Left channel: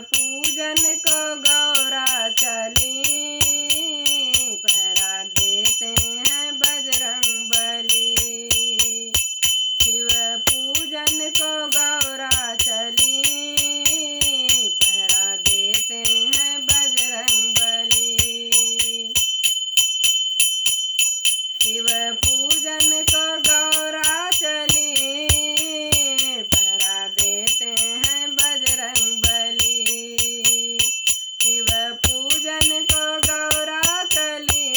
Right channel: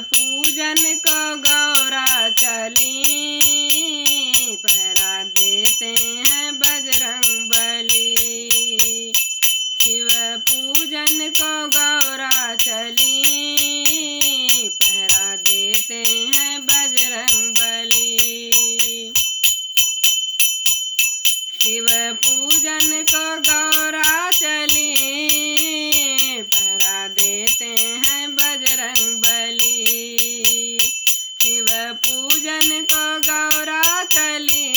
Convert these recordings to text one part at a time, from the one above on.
पूजन को गौरा चली, पहरा देते हैं बजरंग बली। शिव पूजन को गौरा चली, पहरा देते हैं बजरंग बली। शिव पूजन को गौरा चली, पहरा देते हैं बजरंग बली। शिव पूजन को गौरा चली,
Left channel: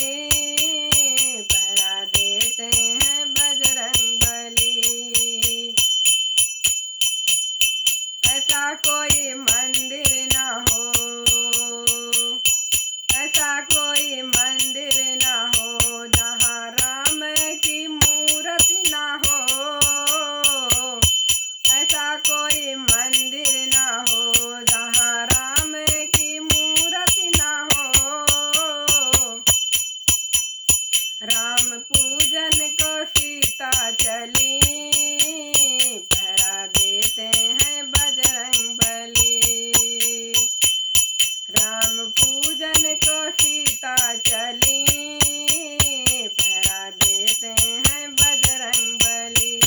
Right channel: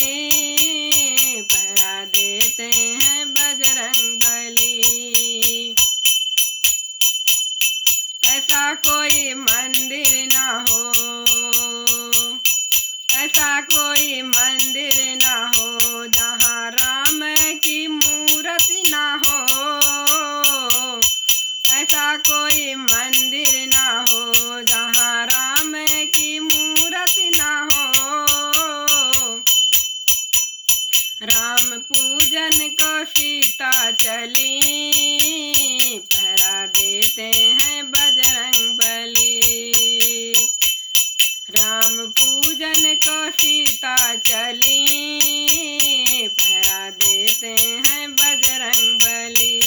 पहरा देते हैं बजरंग बली। ऐसा कोई मंदिर ना हो, ऐसा कोई मंदिर ना हो जहाँ राम की मूर्ति ना हो। ऐसा कोई मंदिर ना हो जहाँ राम की मूर्ति ना हो। राम पूजन को सीता चली, पहरा देते हैं बजरंग बली। राम पूजन को सीता चली, पहरा देते हैं बजरंग बली।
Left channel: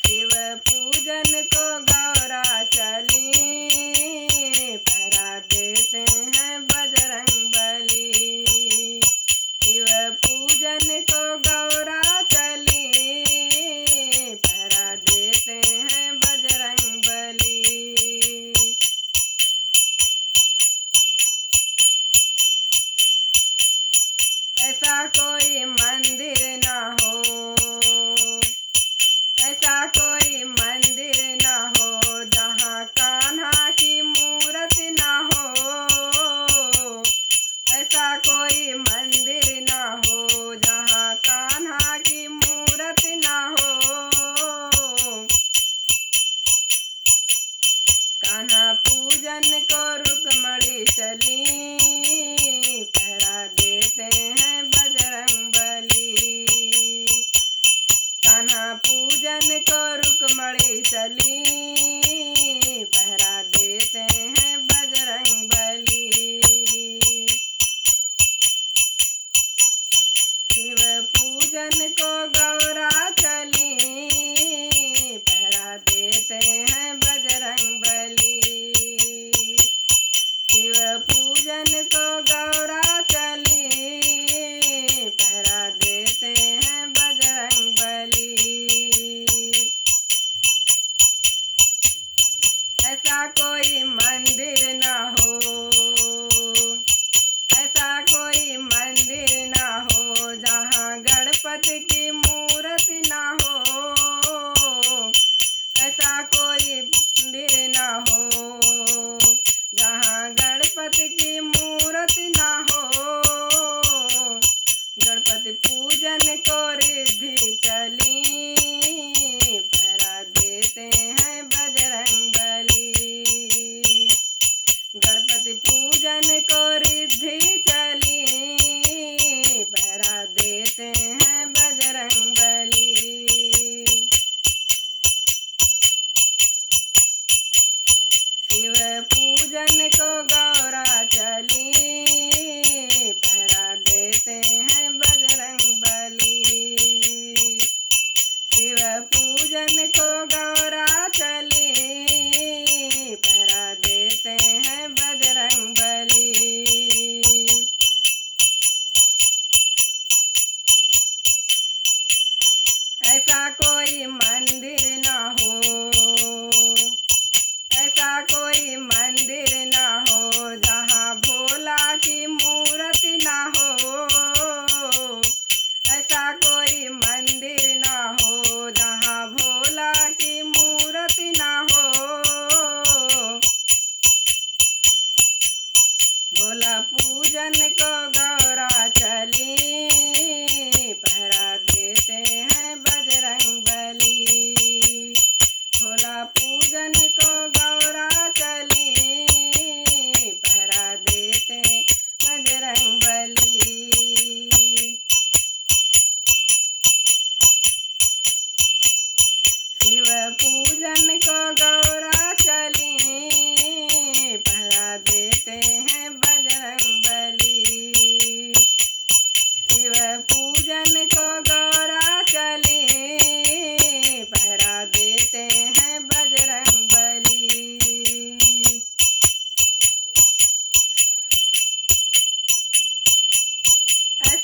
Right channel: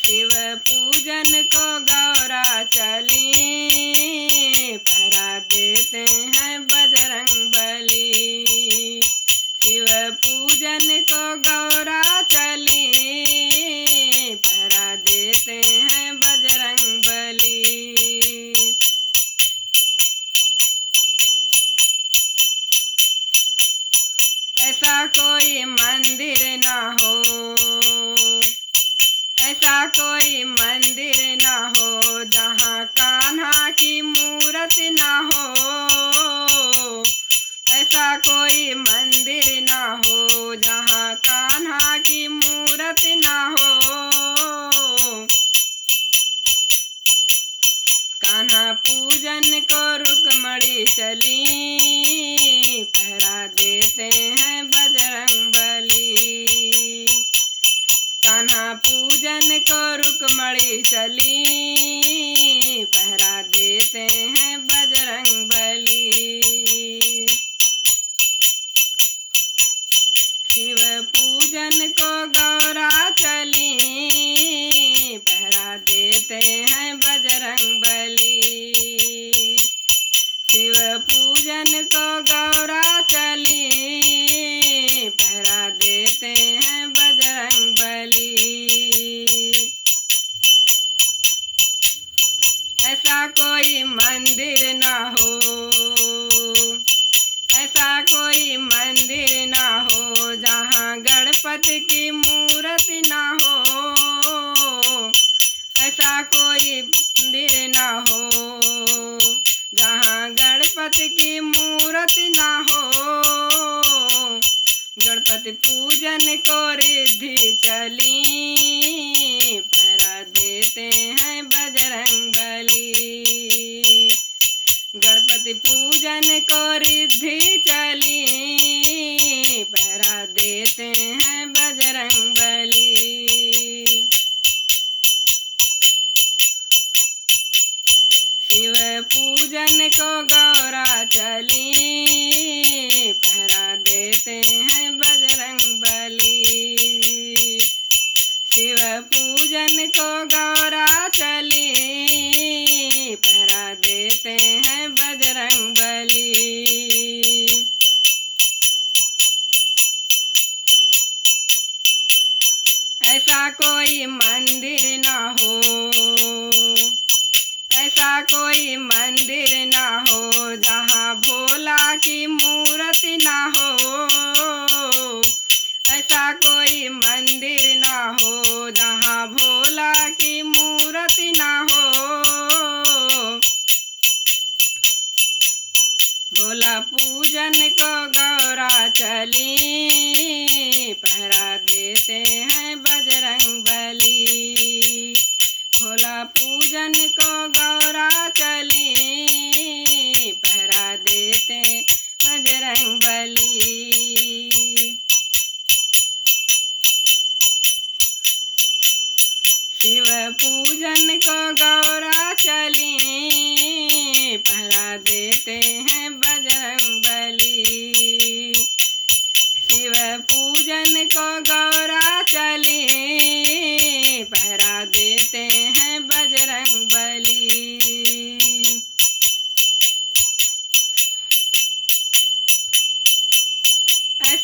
शिव पूजन को गौरा चली, पहरा देते हैं बजरंग बली। शिव पूजन को गौरा चली, पहरा देते हैं बजरंग बली। ऐसा कोई मंदिर ना हो, ऐसा कोई मंदिर ना हो जहाँ कान्हा की मूर्ति ना हो। ऐसा कोई मंदिर ना हो जहाँ कान्हा की मूर्ति ना हो। कान्हा पूजन को रुक्मणी चली, पहरा देते हैं बजरंग बली। कान्हा पूजन को रुक्मणी चली, पहरा देते हैं बजरंग बली। शिव पूजन को गौरा चली, पहरा देते हैं बजरंग बली। शिव पूजन को गौरा चली, पहरा देते हैं बजरंग बली। ऐसा कोई मंदिर ना हो, ऐसा कोई मंदिर ना हो जहाँ गणपति की मूर्ति ना हो। ऐसा कोई मंदिर ना हो जहाँ गणपति की मूर्ति ना हो। गणपति पूजन को रिद्धि चली, पहरा देते हैं बजरंग बली। गणपति पूजन को रिद्धि चली, पहरा देते हैं बजरंग बली। शिव पूजन को गौरा चली, पहरा देते हैं बजरंग बली। शिव पूजन को गौरा चली, पहरा देते हैं बजरंग बली। ऐसा कोई मंदिर ना हो, ऐसा कोई मंदिर ना हो जहाँ भोला की मूर्ति ना हो। ऐसा कोई मंदिर ना हो जहाँ भोला की मूर्ति ना हो। भोला पूजन को गौरा चली, पहरा देते हैं बजरंग बली। भोला पूजन को गौरा चली, पहरा देते बजरंग बली। शिव पूजन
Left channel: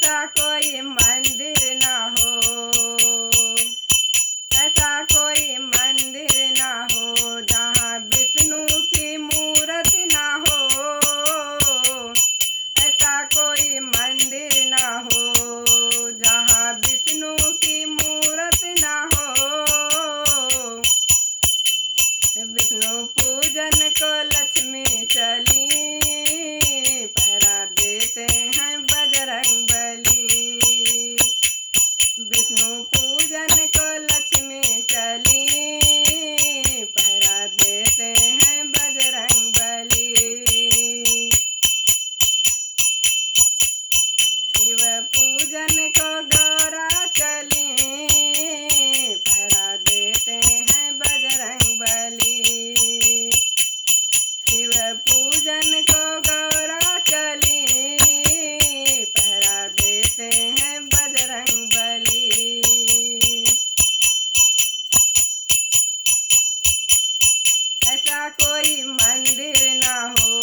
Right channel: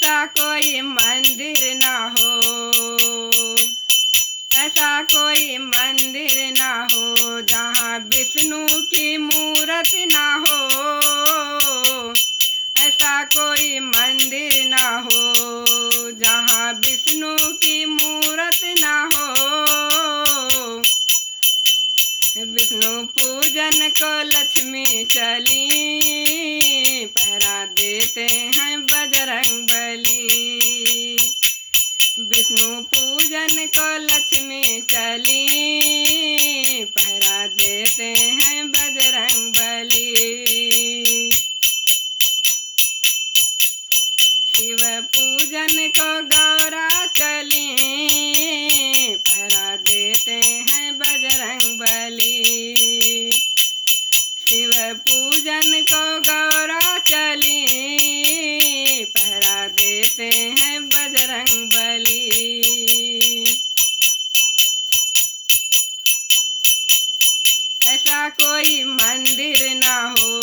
ऐसा कोई मंदिर ना हो, ऐसा कोई मंदिर ना हो जहाँ विष्णु की मूर्ति ना हो, ऐसा कोई मंदिर ना हो जहाँ विष्णु की मूर्ति ना हो। विष्णु पूजन को लक्ष्मी चली, पहरा देते हैं बजरंगबली। विष्णु पूजन को लक्ष्मी चली, पहरा देते हैं बजरंगबली। शिव पूजन को गौरा चली, पहरा देते हैं बजरंगबली। शिव पूजन को गौरा चली, पहरा देते हैं बजरंगबली। ऐसा कोई मंदिर ना हो,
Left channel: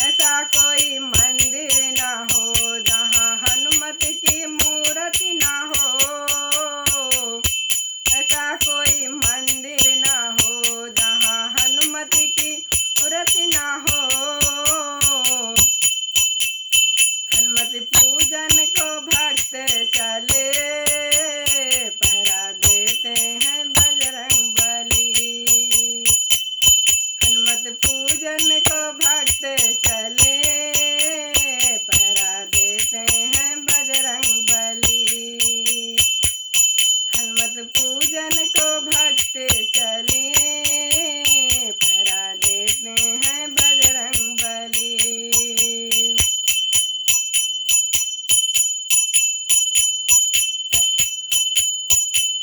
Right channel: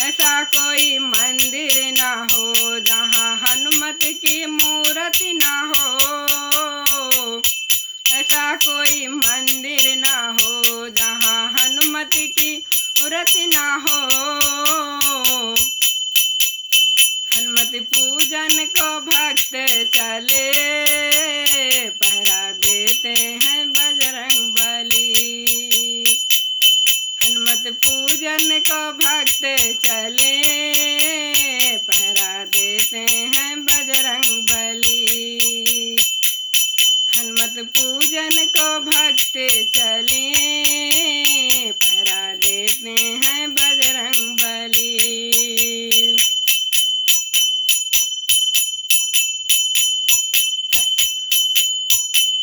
ऐसा कोई मंदिर ना हो जहाँ हनुमत की मूर्ति ना हो, ऐसा कोई मंदिर ना हो जहाँ हनुमत की मूर्ति ना हो। हनुमत पूजन को भक्त चले, पहरा देते हैं बजरंगबली। हनुमत पूजन को भक्त चले, पहरा देते हैं बजरंगबली। हनुमत पूजन को भक्त चले, पहरा देते हैं बजरंगबली।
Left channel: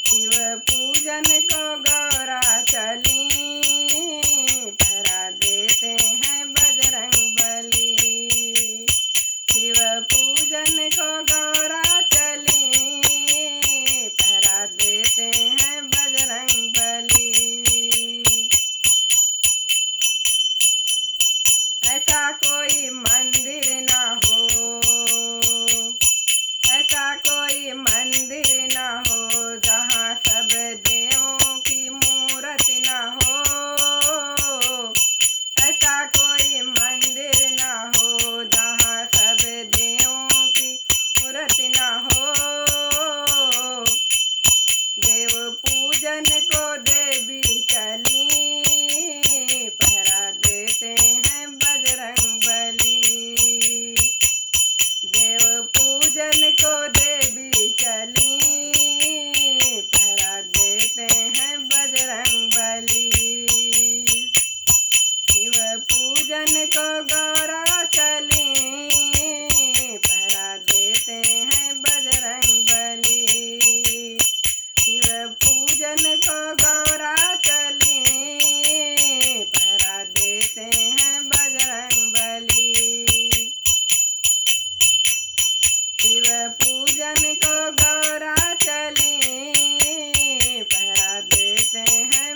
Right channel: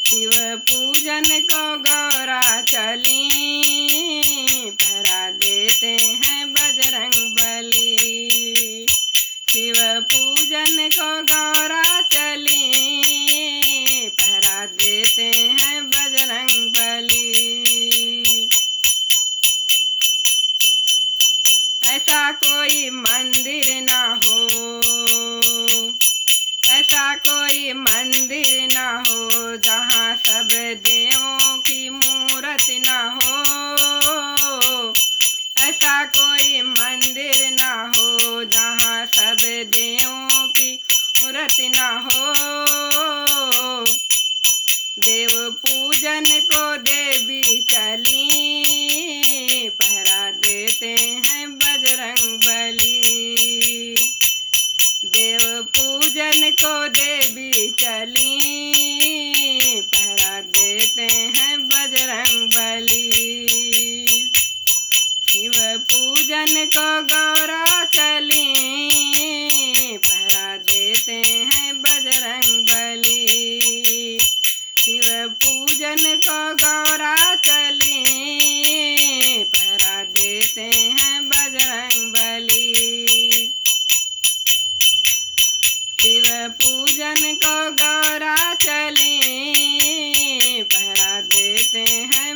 शिव पूजन को गौरा चली, पहरा देते हैं बजरंगबली। शिव पूजन को गौरा चली, पहरा देते हैं बजरंगबली। ऐसा कोई मंदिर ना हो, ऐसा कोई मंदिर ना हो जहाँ सब देवों की मूर्ति ना हो, ऐसा कोई मंदिर ना हो जहाँ सब देवों की मूर्ति ना हो। देव पूजन को देवी चली, पहरा देते हैं बजरंगबली। देव पूजन को देवी चली, पहरा देते हैं बजरंगबली। शिव पूजन को गौरा चली, पहरा देते हैं बजरंगबली। शिव पूजन को गौरा चली, पहरा देते हैं बजरंगबली। शिव पूजन को गौरा चली, पहरा देते हैं